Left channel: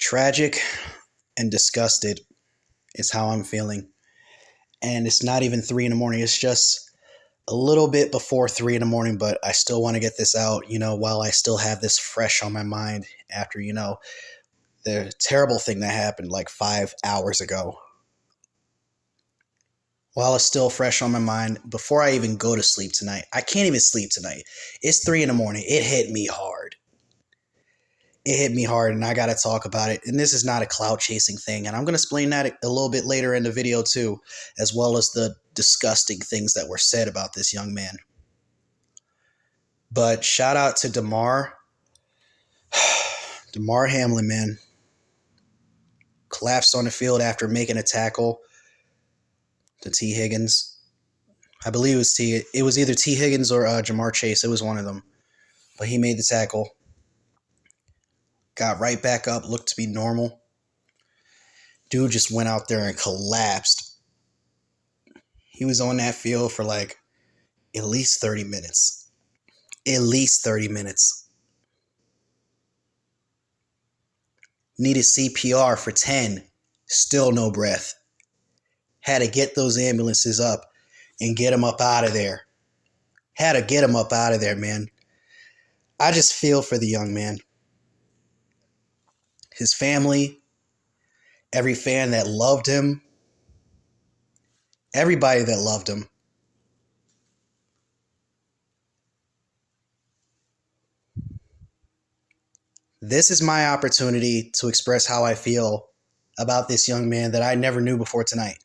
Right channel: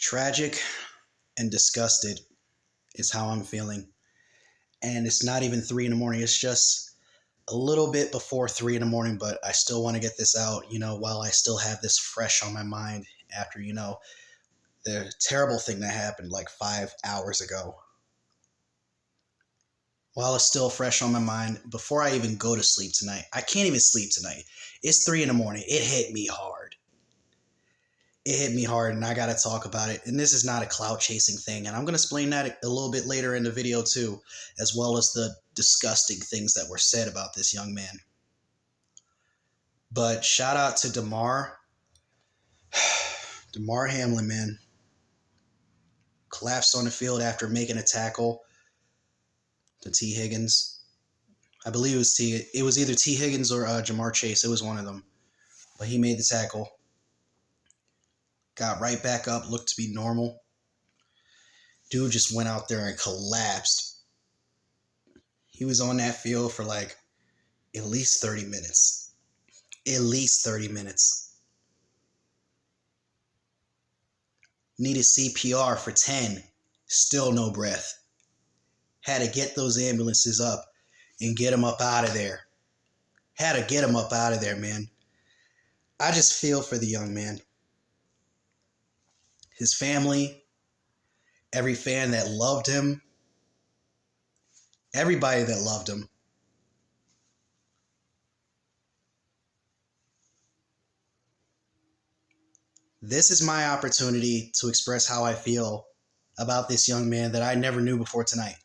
Tragic and disgusted is how I'm feeling. And it's not even 3 in the morning. It's just a little bit before 3 in the morning, but I still want to get this out, while I still have this fresh on my mind after, the terrible thing that happened like 5 hours ago. While it's still fresh on my mind, before I even go to sleep tonight, I can't even sleep tonight. It's 3 in the morning. It hit me hard. And I got to talk about it. And this is not a clout chasing thing. And I'm going to explain that a little bit later in the video too, as well as the disgusting things that were said about this young man. But shout out to Damar. Damar Hamlin, man. Collapsed on the field after making a tackle to T. Higgins. I believe it was either T. Higgins or Jamar Chase. It was one of them. But he made the tackle. Got right back up, looked to be normal. Dude just went out there and collapsed. He was on that field for like at least 30 minutes. At least 30 minutes. Needed CPR for 10. Still no breath. Had to get those ambulances up and get him up out of there. Had to get him up out of there, man. I just feel for the young man. His family, every fan that loved him, everybody that loved him. This is my opportunity to express how I feel about this young man that I never knew before tonight.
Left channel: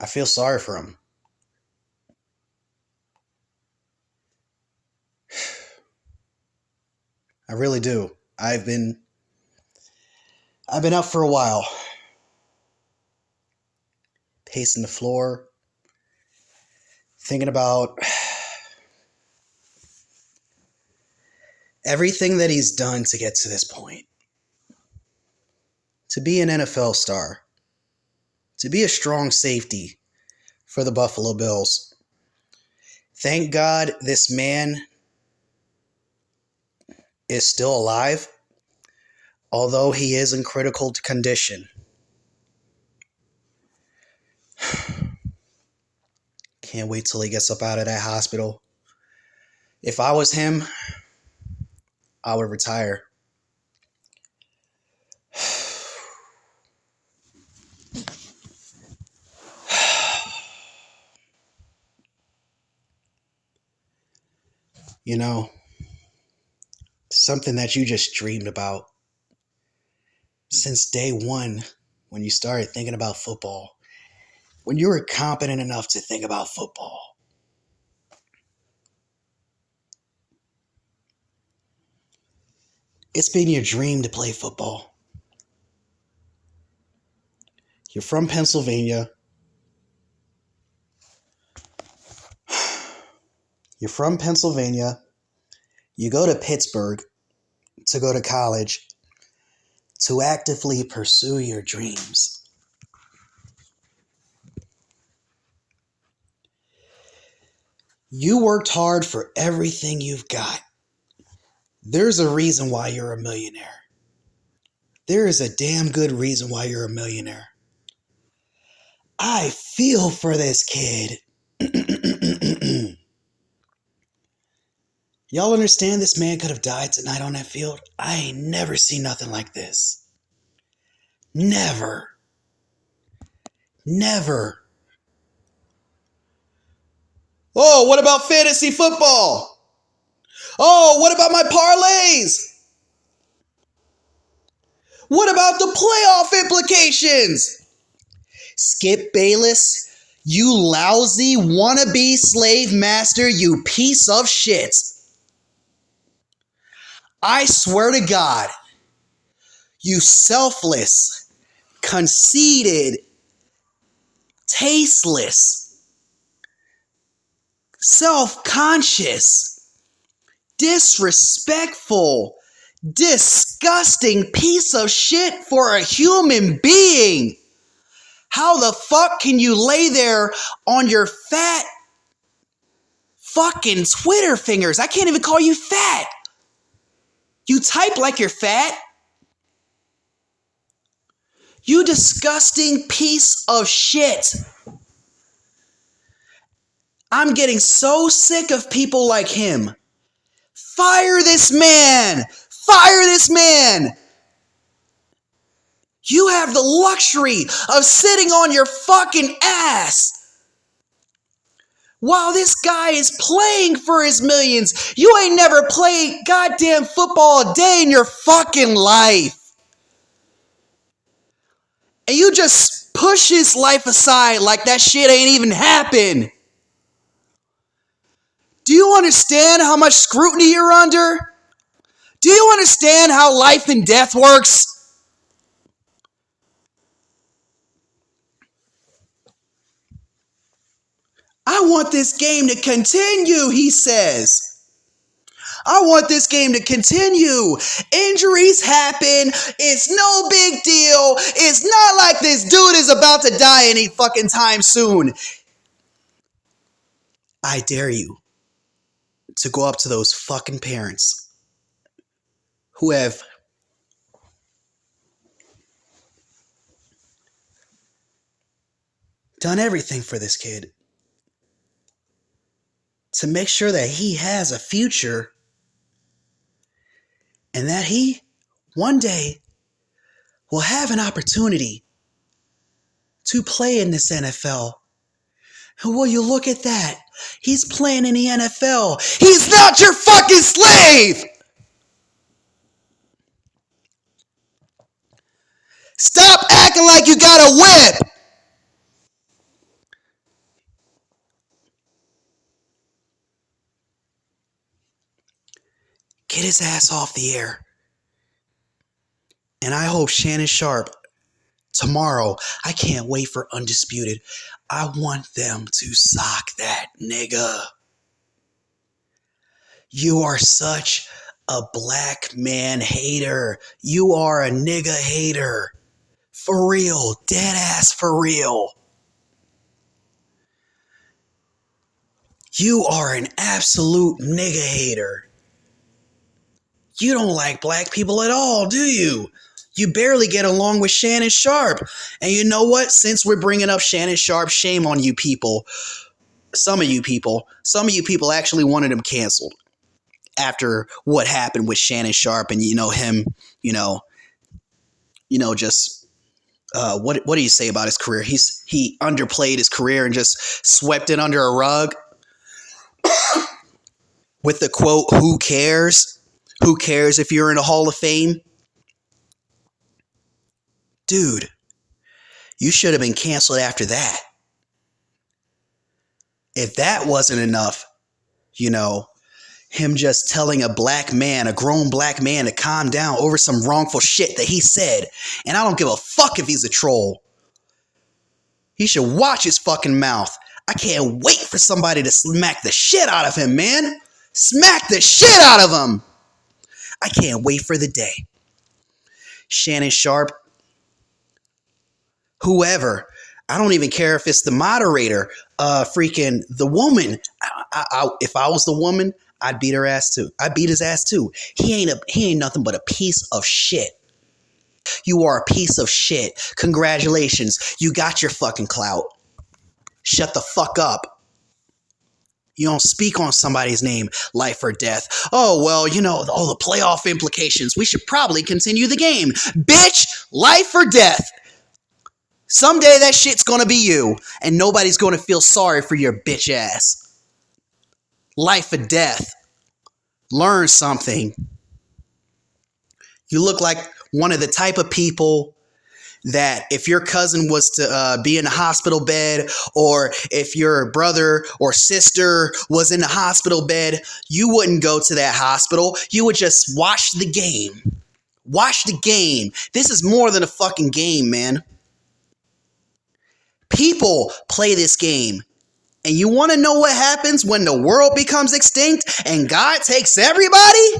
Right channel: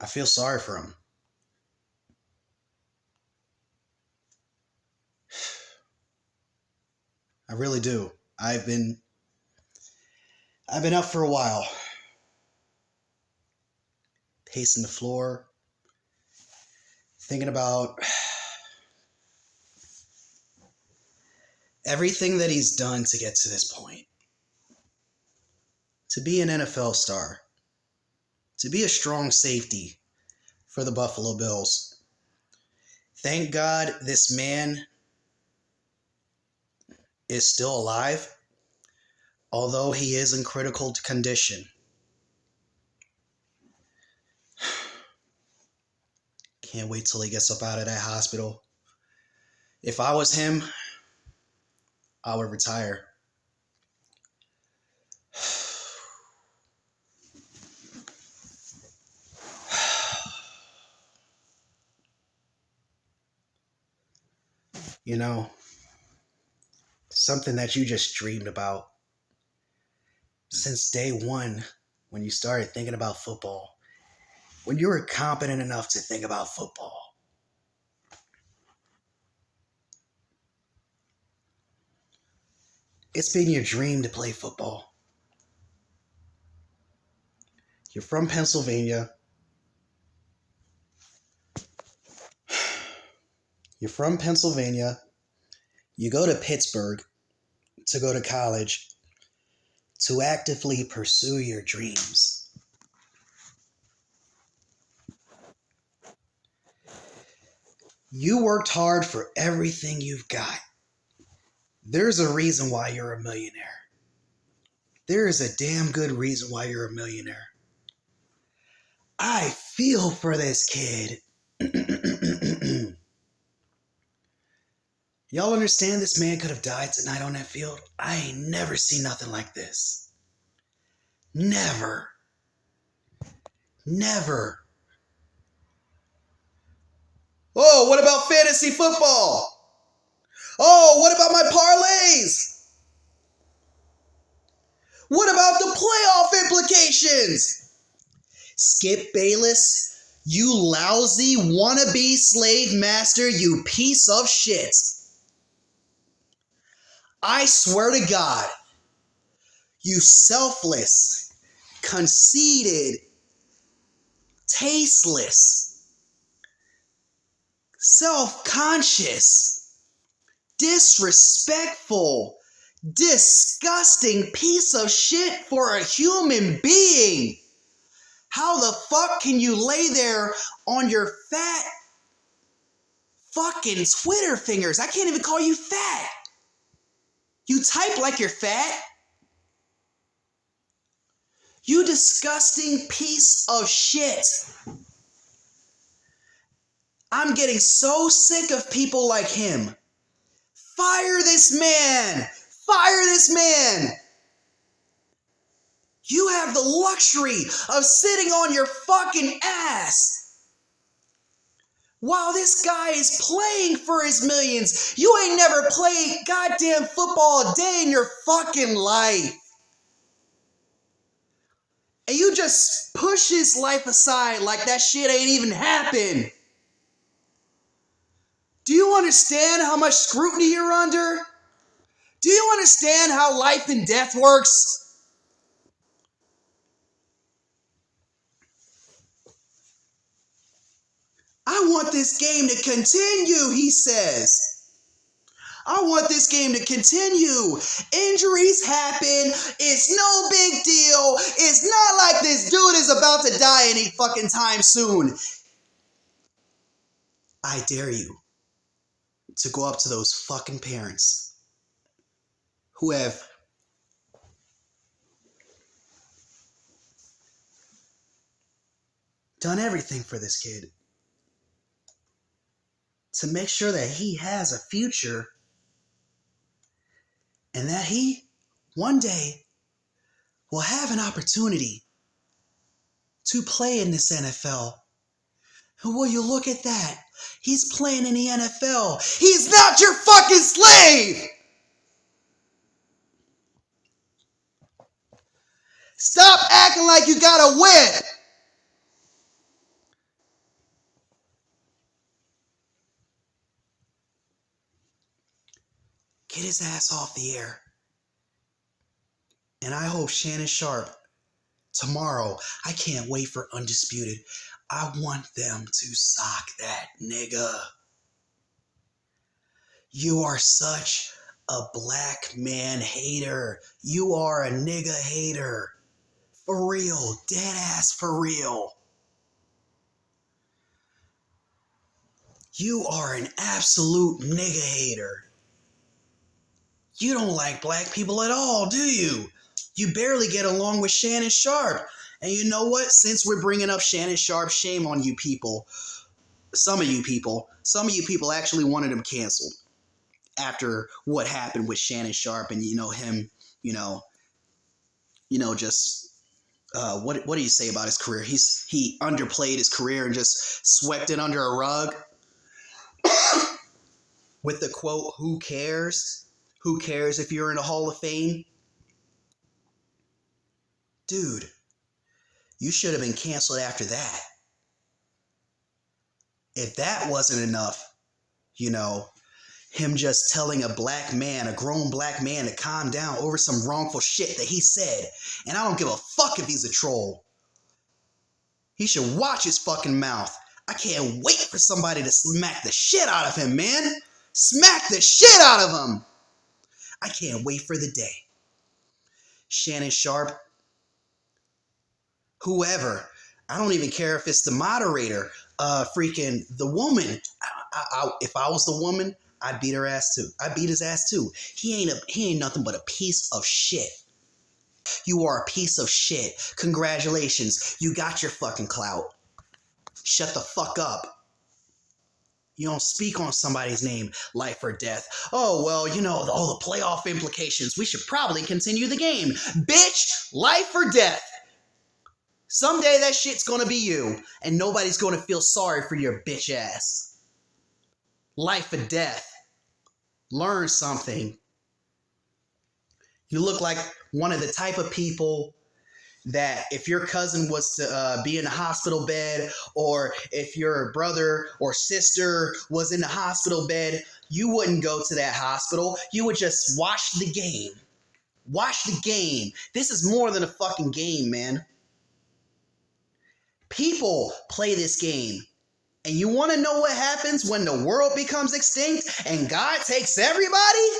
I feel sorry for him. I really do. I've been up for a while, pacing the floor, thinking about everything that he's done to get to this point. To be an NFL star, to be a strong safety for the Buffalo Bills. Thank God this man is still alive, although he is in critical condition. Can't wait till he gets up out of that hospital. If I was him, I would retire. Something that you just dreamed about since day one when you started thinking about football, when you were competent enough to think about football. It's been your dream to play football. You're from Pennsylvania. You go to Pittsburgh to go to college to actively pursue your dreams. You worked hard for everything you've got. There's a reason why you're a millionaire. There is a damn good reason why you're a millionaire. I feel for this kid. Y'all understand this man could have died tonight on that field? I ain't never seen nothing like this. Never. Oh, what about fantasy football? Oh, what about my parlays? What about the playoff implications? Skip Bayless, you lousy wannabe slave master, you piece of shit. I swear to God, you selfless, conceited, tasteless, self-conscious, disrespectful, disgusting piece of shit for a human being. How the fuck can you lay there on your fat fucking Twitter fingers? I can't even call you fat. You type like you're fat? You disgusting piece of shit. I'm getting so sick of people like him. Fire this man! Fire this man! You have the luxury of sitting on your fucking ass while this guy is playing for his millions. You ain't never played goddamn football a day in your fucking life. And you just push his life aside like that shit ain't even happened. Do you understand how much scrutiny you're under? Do you understand how life and death works? I want this game to continue, he says. I want this game to continue. Injuries happen. It's no big deal. It's not like this dude is about to die any fucking time soon. I dare you to go up to those fucking parents who have done everything for this kid to make sure that he has a future and that he one day will have an opportunity to play in this NFL. And will you look at that? He's playing in the NFL. He's not your fucking slave! Stop acting like you got a whip! Get his ass off the air. And I hope Shannon Sharp, tomorrow, I can't wait for Undisputed. I want them to sock that nigga. You are such a black man hater. You are a nigga hater. For real. Dead ass for real. You are an absolute nigga hater. You don't like black people at all, do you? You barely get along with Shannon Sharp. And you know what? Since we're bringing up Shannon Sharp, shame on you people. Some of you people actually wanted him canceled after what happened with Shannon Sharp and, him, just what do you say about his career? He underplayed his career and just swept it under a rug with the quote, "Who cares? Who cares if you're in the Hall of Fame?" Dude, you should have been canceled after that. If that wasn't enough, him just telling a grown black man to calm down over some wrongful shit that he said. And I don't give a fuck if he's a troll. He should watch his fucking mouth. I can't wait for somebody to smack the shit out of him, man. Smack the shit out of him. I can't wait for the day. Shannon Sharp, whoever, I don't even care if it's the moderator, freaking the woman. If I was the woman, I'd beat her ass too. I'd beat his ass too. He ain't nothing but a piece of shit. You are a piece of shit. Congratulations. You got your fucking clout. Shut the fuck up. You don't speak on somebody's name, life or death. Oh, well, all the playoff implications. We should probably continue the game. Bitch, life or death. Someday that shit's gonna be you, and nobody's gonna feel sorry for your bitch ass. Life or death. Learn something. You look like one of the type of people that if your cousin was to be in a hospital bed, or if your brother or sister was in a hospital bed, you wouldn't go to that hospital. You would just watch the game. Watch the game. This is more than a fucking game, man. People play this game. And you want to know what happens when the world becomes extinct and God takes everybody?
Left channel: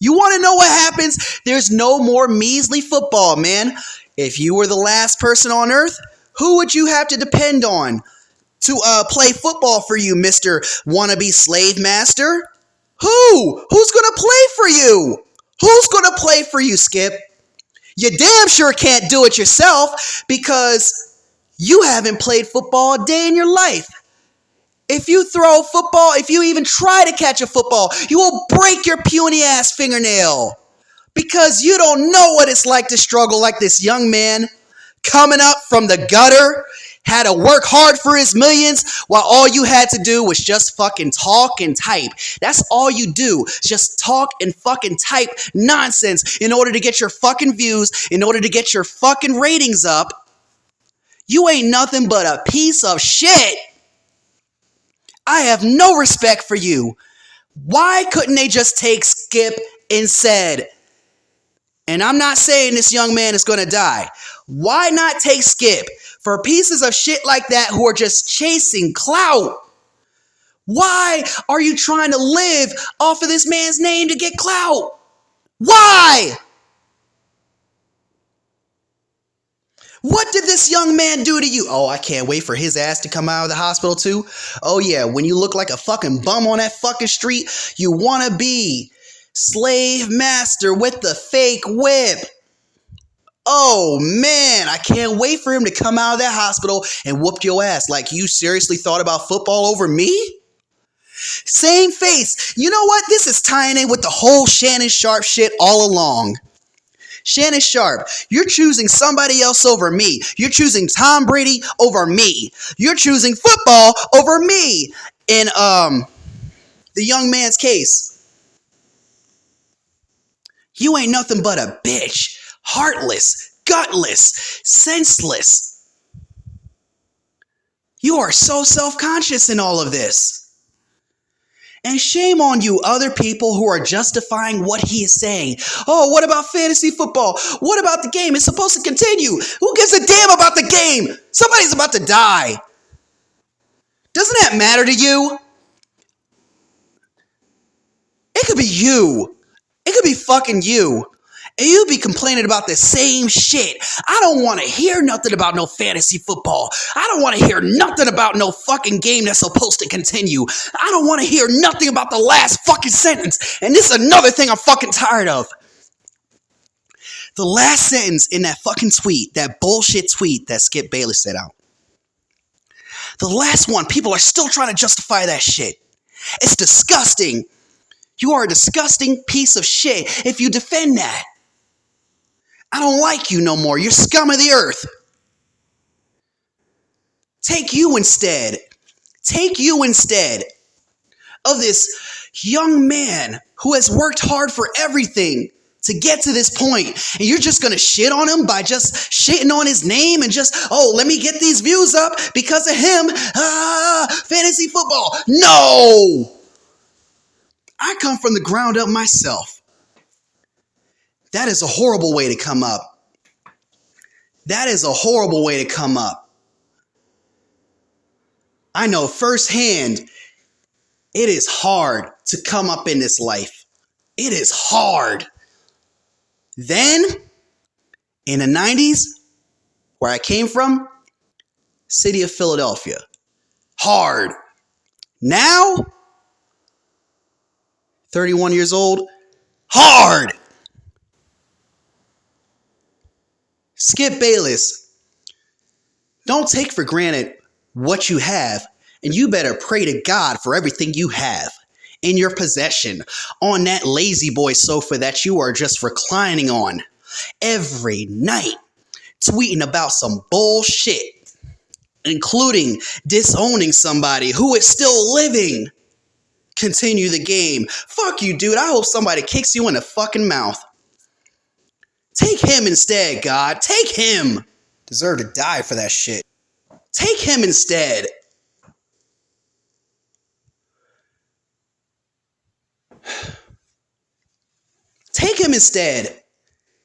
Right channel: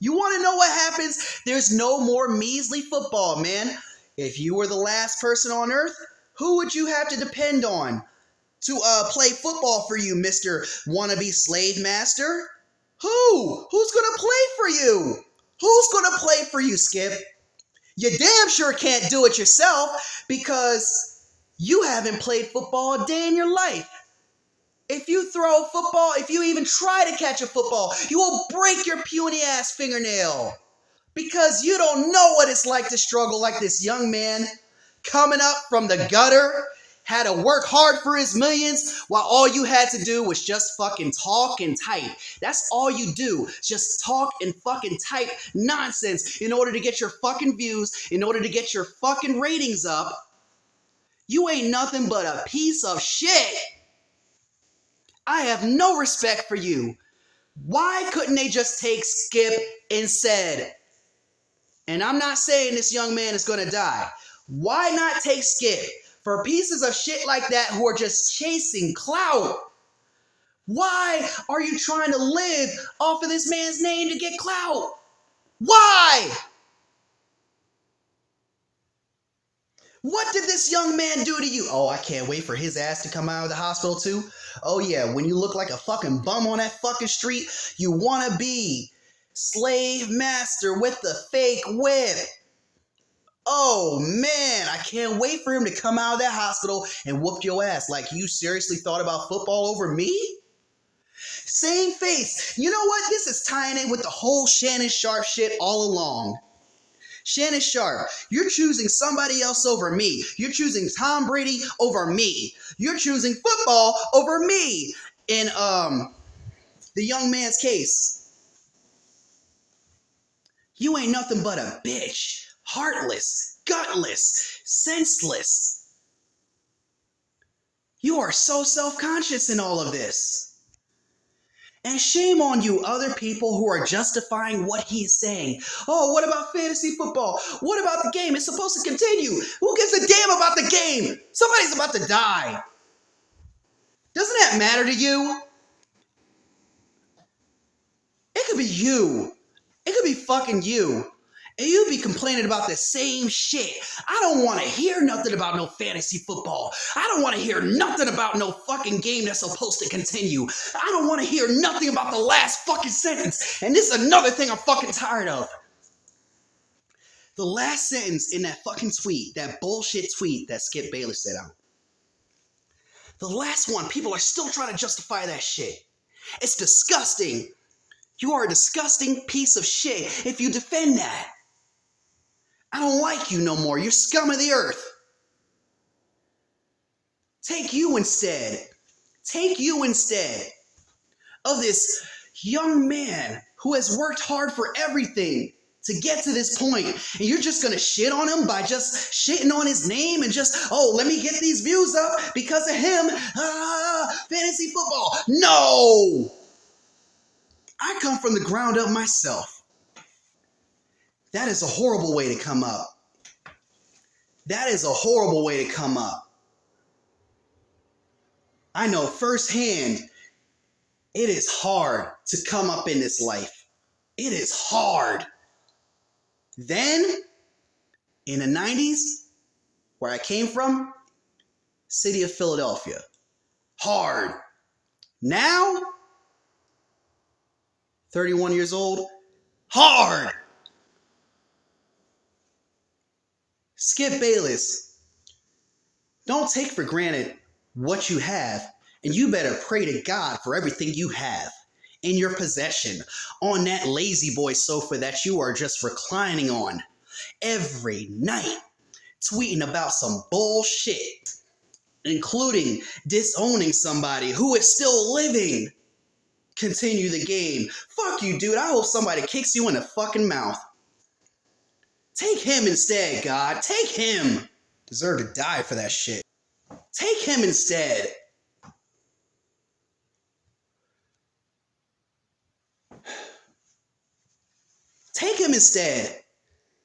You want to know what happens? There's no more measly football, man. If you were the last person on earth, who would you have to depend on to play football for you, Mr. Wannabe Slave Master? Who's going to play for you? Who's going to play for you, Skip? You damn sure can't do it yourself because you haven't played football a day in your life. If you throw a football, if you even try to catch a football, you will break your puny ass fingernail because you don't know what it's like to struggle like this young man coming up from the gutter, had to work hard for his millions while all you had to do was just fucking talk and type. That's all you do. Just talk and fucking type nonsense in order to get your fucking views, in order to get your fucking ratings up. You ain't nothing but a piece of shit. I have no respect for you. Why couldn't they just take Skip instead? And I'm not saying this young man is going to die. Why not take Skip for pieces of shit like that who are just chasing clout? Why are you trying to live off of this man's name to get clout? Why? What did this young man do to you? Oh, I can't wait for his ass to come out of the hospital too. Oh yeah, when you look like a fucking bum on that fucking street, you want to be slave master with the fake whip. Oh man, I can't wait for him to come out of that hospital and whoop your ass. Like, you seriously thought about football over me? Same face. You know what? This is tying in with the whole Shannon Sharp shit all along. Shannon Sharp, you're choosing somebody else over me. You're choosing Tom Brady over me. You're choosing football over me. In the young man's case, you ain't nothing but a bitch. Heartless, gutless, senseless. You are so self-conscious in all of this. And shame on you other people who are justifying what he is saying. Oh, what about fantasy football? What about the game? It's supposed to continue. Who gives a damn about the game? Somebody's about to die. Doesn't that matter to you? It could be you. It could be fucking you. And you be complaining about the same shit. I don't want to hear nothing about no fantasy football. I don't want to hear nothing about no fucking game that's supposed to continue. I don't want to hear nothing about the last fucking sentence. And this is another thing I'm fucking tired of. The last sentence in that fucking tweet, that bullshit tweet that Skip Bayless said out. The last one, people are still trying to justify that shit. It's disgusting. You are a disgusting piece of shit if you defend that. I don't like you no more. You're scum of the earth. Take you instead. Take you instead of this young man who has worked hard for everything to get to this point. And you're just going to shit on him by just shitting on his name and just, oh, let me get these views up because of him. Fantasy football. No. I come from the ground up myself. That is a horrible way to come up. That is a horrible way to come up. I know firsthand, it is hard to come up in this life. It is hard. Then, in the 90s, where I came from, city of Philadelphia, hard. Now, 31 years old, hard. Skip Bayless, don't take for granted what you have, and you better pray to God for everything you have in your possession on that lazy boy sofa that you are just reclining on every night, tweeting about some bullshit, including disowning somebody who is still living. Continue the game. Fuck you, dude. I hope somebody kicks you in the fucking mouth. Take him instead, God. Take him. Deserve to die for that shit. Take him instead. Take him instead.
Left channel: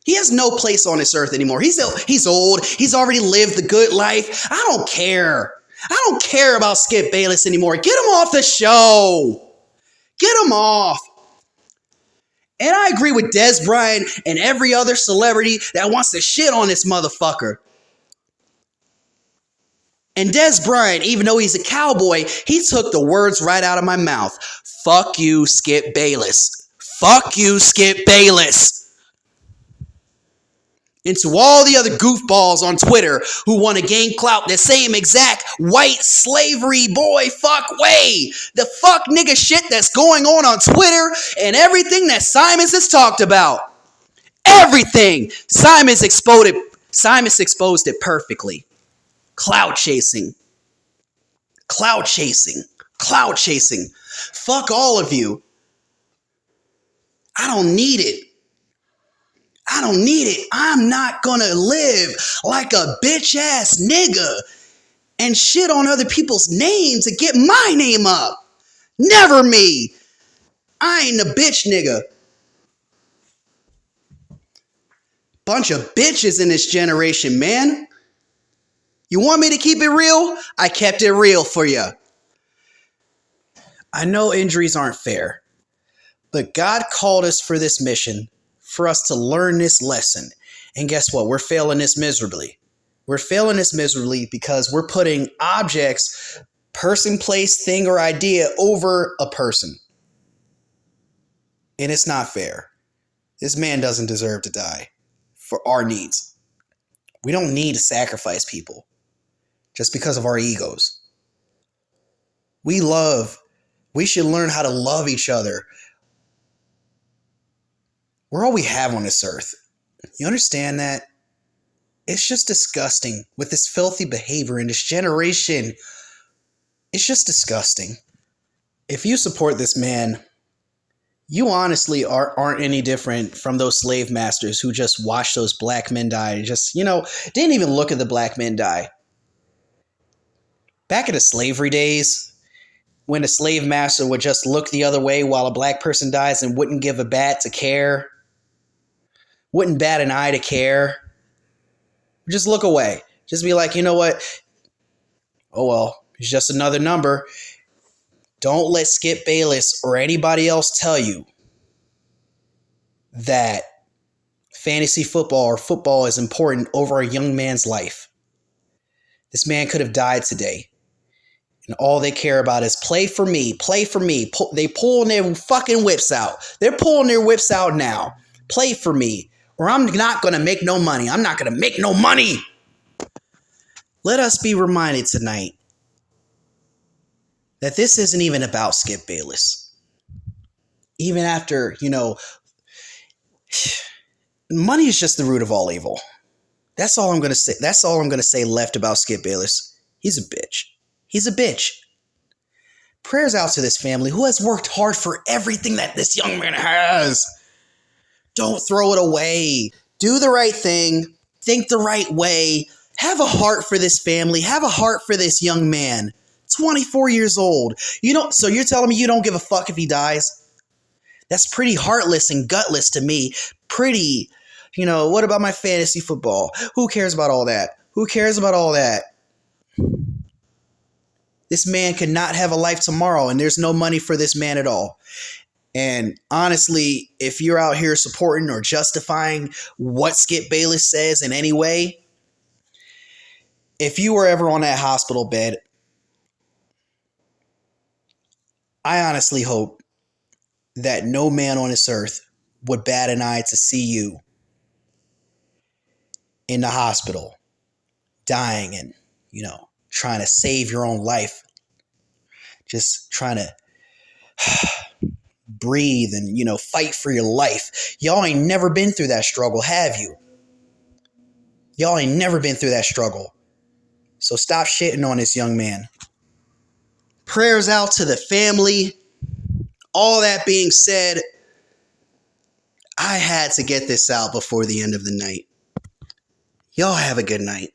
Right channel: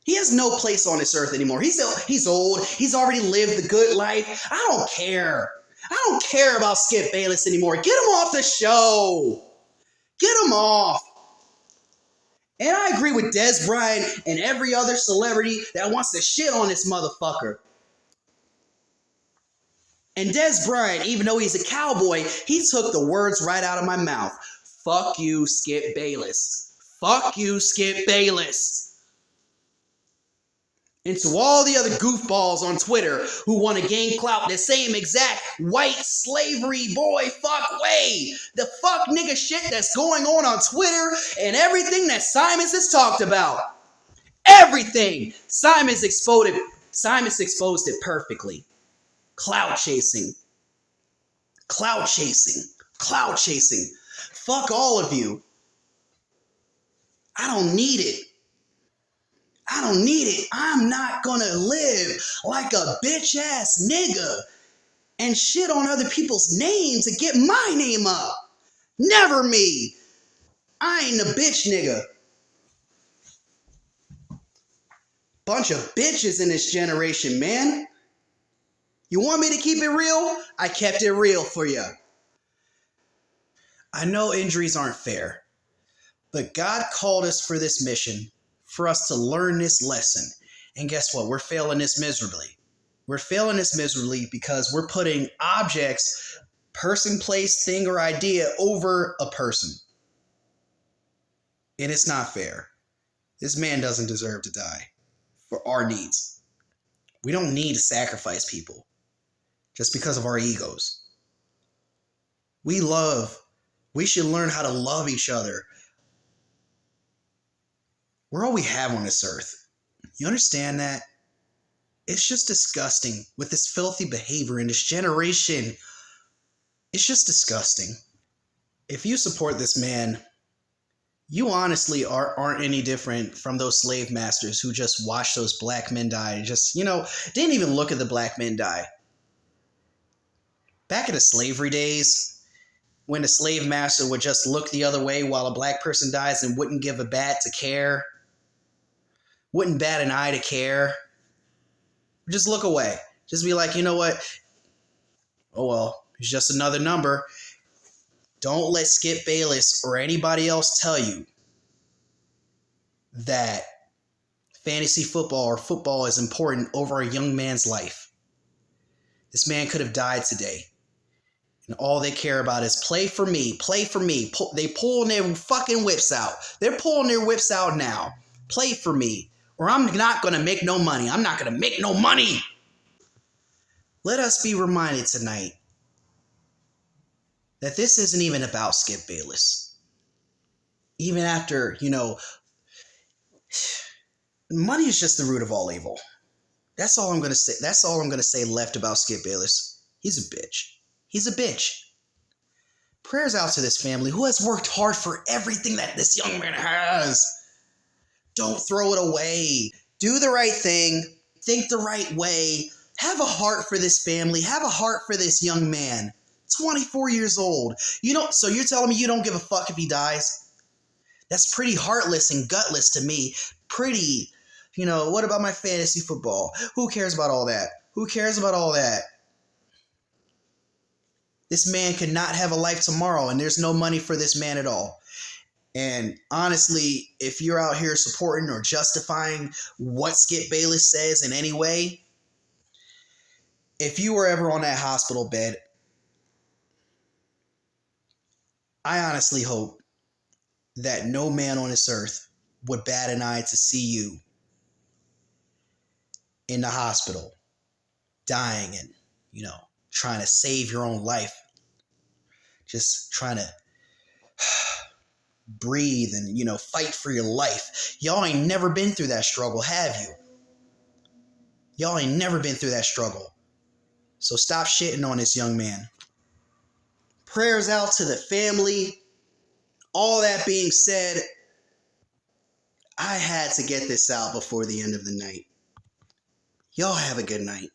He has no place on this earth anymore. He's old. He's already lived the good life. I don't care. I don't care about Skip Bayless anymore. Get him off the show. Get him off. And I agree with Des Bryant and every other celebrity that wants to shit on this motherfucker. And Des Bryant, even though he's a cowboy, he took the words right out of my mouth. Fuck you, Skip Bayless. Fuck you, Skip Bayless. And to all the other goofballs on Twitter who want to gain clout the same exact white slavery boy fuck way. The fuck nigga shit that's going on Twitter and everything that Simons has talked about. Everything. Simons exposed it perfectly. Clout chasing. Clout chasing. Clout chasing. Fuck all of you. I don't need it. I don't need it. I'm not gonna live like a bitch ass nigga and shit on other people's names to get my name up. Never me. I ain't a bitch nigga. Bunch of bitches in this generation, man. You want me to keep it real? I kept it real for you. I know injuries aren't fair, but God called us for this mission, for us to learn this lesson. And guess what? We're failing this miserably. We're failing this miserably because we're putting objects, person, place, thing, or idea over a person. And it's not fair. This man doesn't deserve to die for our needs. We don't need to sacrifice people just because of our egos. We should learn how to love each other. We're all we have on this earth. You understand that? It's just disgusting with this filthy behavior in this generation. It's just disgusting. If you support this man, you honestly aren't any different from those slave masters who just watched those black men die and just, didn't even look at the black men die. Back in the slavery days, when a slave master would just look the other way while a black person dies and wouldn't give a bat to care, wouldn't bat an eye to care. Just look away. Just be like, you know what? Oh, well, it's just another number. Don't let Skip Bayless or anybody else tell you that fantasy football or football is important over a young man's life. This man could have died today. And all they care about is play for me, play for me. They pulling their fucking whips out. They're pulling their whips out now. Play for me. Or I'm not going to make no money. I'm not going to make no money. Let us be reminded tonight that this isn't even about Skip Bayless. Even after, money is just the root of all evil. That's all I'm going to say. That's all I'm going to say left about Skip Bayless. He's a bitch. He's a bitch. Prayers out to this family who has worked hard for everything that this young man has. Don't throw it away. Do the right thing. Think the right way. Have a heart for this family. Have a heart for this young man. 24 years old. So you're telling me you don't give a fuck if he dies? That's pretty heartless and gutless to me. Pretty, what about my fantasy football? Who cares about all that? Who cares about all that? This man could not have a life tomorrow, and there's no money for this man at all. And honestly, if you're out here supporting or justifying what Skip Bayless says in any way, if you were ever on that hospital bed, I honestly hope that no man on this earth would bat an eye to see you in the hospital, dying and, trying to save your own life. Just trying to breathe and, fight for your life. Y'all ain't never been through that struggle, have you? Y'all ain't never been through that struggle. So stop shitting on this young man. Prayers out to the family. All that being said, I had to get this out before the end of the night. Y'all have a good night.